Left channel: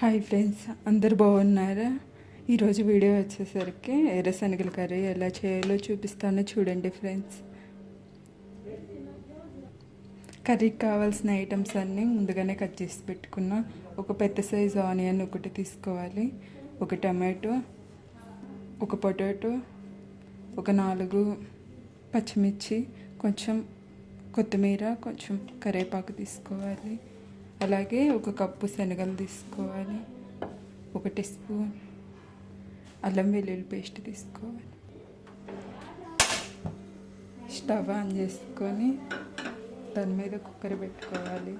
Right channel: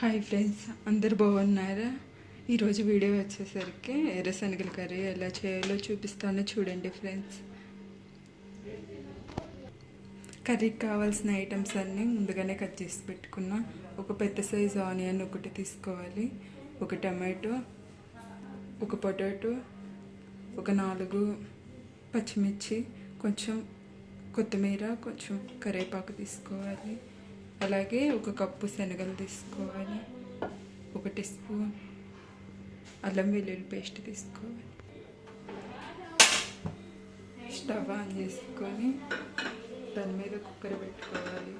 Hi friends, అందరు బాగున్నారా? ఈరోజు వీడియో వచ్చేసరికి ఎర్రశనగల కర్రీ ఎలా చేయాలో చూపిస్తాను, చూడండి ఫ్రెండ్స్. కర్రీకి కావాల్సిన ఐటమ్స్ అన్నీ ముందుగానే కట్ చేసి పెట్టుకున్నా. ఒక పెద్ద సైజు ఆనియన్ ఒకటి తీసుకోవాలి, ఒక టమాటో, ఒక పొటాటో, ఒక 4 పచ్చిమిర్చి, కొంచెం కొత్తిమీర, కొంచెం కరివేపాకు తీసుకోవాలి. అలాగే 1 కప్పు శనగలు తీసుకోవాలి, 1 టీ స్పూన్ అల్లం వెల్లుల్లి పేస్ట్ తీసుకోవాలి. స్టవ్ ఆన్ చేసుకొని దాని మీద కుక్కర్ పెట్టుకోవాలి.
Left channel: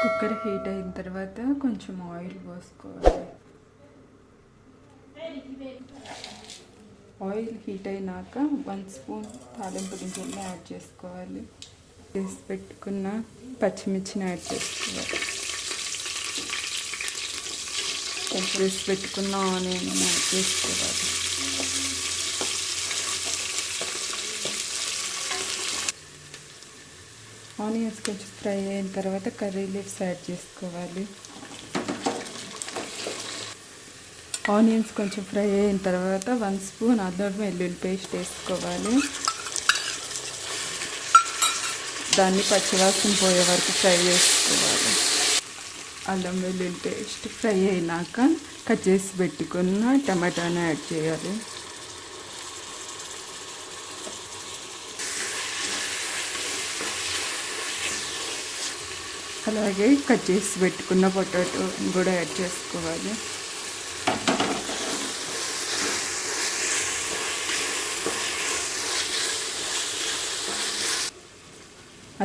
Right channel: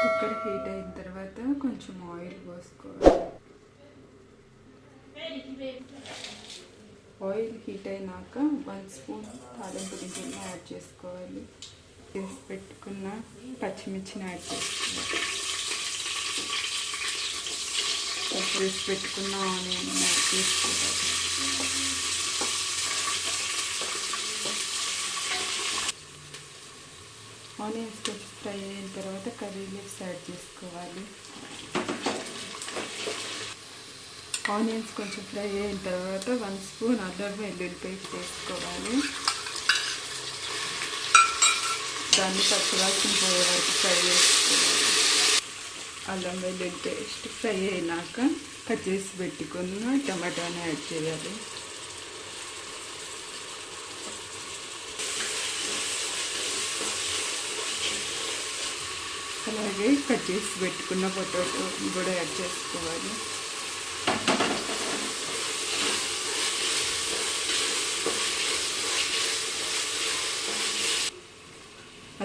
కుక్కర్ హీట్ అయిన తర్వాత కొంచెం ఆయిల్ పోసుకోవాలి. ఆయిల్ హీట్ అయినాక 1 స్పూన్ తాలింపు గింజలు యాడ్ చేసుకోవాలి. వేసి పెట్టుకున్న పచ్చిమిర్చిని యాడ్ చేసుకోవాలి. ఉప్పు వేసి పెట్టుకున్న ఆనియన్ యాడ్ చేసుకోవాలి. ఆనియన్స్ కొంచెం ఫ్రై అయిన తర్వాత కర్రీ లీవ్స్ యాడ్ చేసుకోవాలి. ఆనియన్స్ కొంచెం ఫ్రై అయిన తర్వాత 1 స్పూన్ అల్లం వెల్లుల్లి పేస్ట్ వేసుకోవాలి. దాన్ని పచ్చివాసన పోయే వరకు ఫ్రై చేసుకోవాలి. అల్లం వెల్లుల్లి పేస్ట్ ఫ్రై అయినాక కట్ చేసి పెట్టుకున్న టమాటాని యాడ్ చేయాలి. అలాగే కట్ చేసి పెట్టుకున్న పొటాటో కూడా యాడ్ చేసుకోవాలి.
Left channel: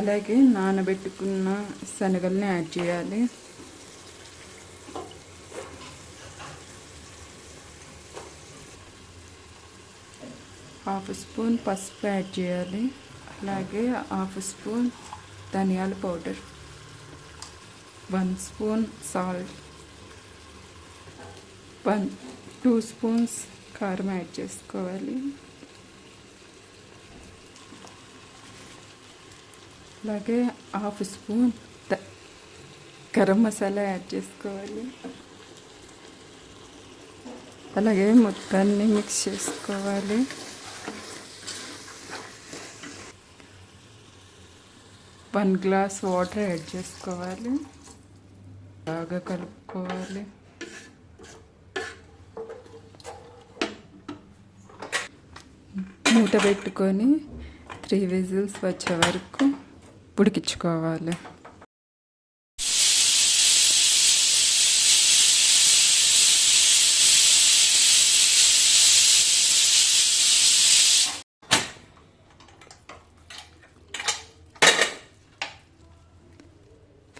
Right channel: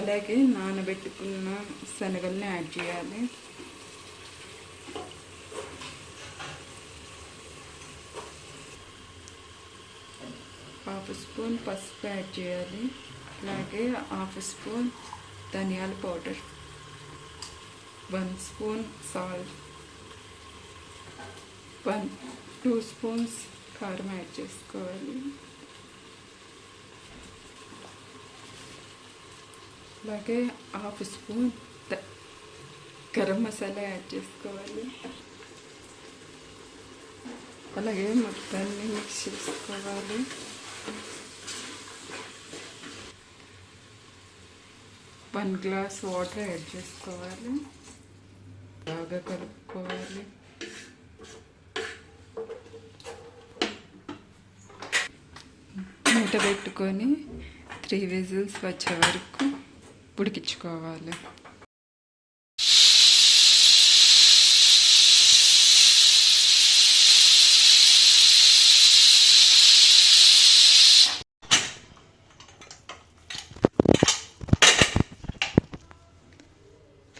అలాగే నానబెట్టుకున్న శనగల్ని యాడ్ చేయాలి. హాఫ్ స్పూన్ పసుపు యాడ్ చేయాలి. అలాగే హాఫ్ స్పూన్ ధనియాల పౌడర్, 1 స్పూన్ సాల్ట్, 2 స్పూన్స్ కారం యాడ్ చేసుకోవాలి. అలాగే half spoon garam masala add చేసుకోవాలి. అలాగే మొత్తాన్ని మిక్స్ చేసుకోవాలి. వన్ గ్లాస్ వాటర్ యాడ్ చేసుకోవాలి. బాగా కలుపుకోవాలి. మూత పెట్టుకొని 3 విజిల్స్ వచ్చే వరకు ఉడికించుకోవాలి.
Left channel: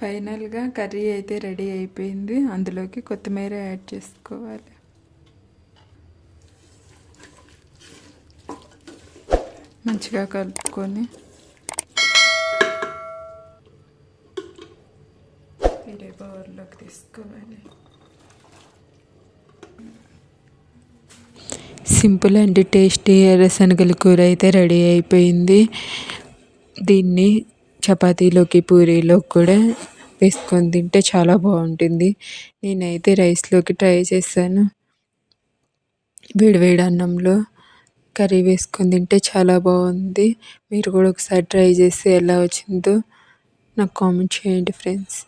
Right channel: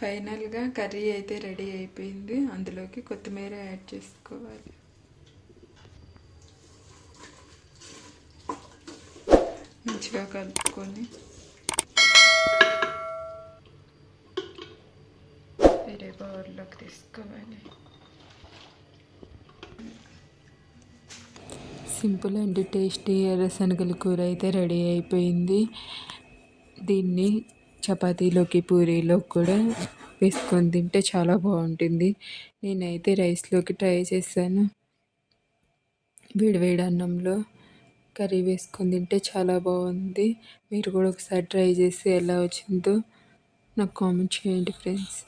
ఫైనల్గా కర్రీ అయితే రెడీ అయిపోయింది. అందులోకి కొత్తిమీర యాడ్ చేసుకోవాలి. మంచిగా కలుపుకొని వేరే బౌల్లోకి తీసుకోవాలి. సింపుల్ అండ్ టేస్టీ ఎర్రశనగల కూర అయితే రెడీ అయిపోయింది. దీన్ని చపాతీలోకి, పూరీలోకి కూడా వేసుకొని తింటే చాలా బాగుంటుంది. నేనైతే రైస్లోకి ట్రై చేశాను. వేడివేడి అన్నంలో కర్రీ వేసుకొని తింటే చాలా బాగుంది. మీరు కూడా ఒకసారి ట్రై చేసి ఎలా వచ్చిందో నాకు కామెంట్ చేయండి ఫ్రెండ్స్.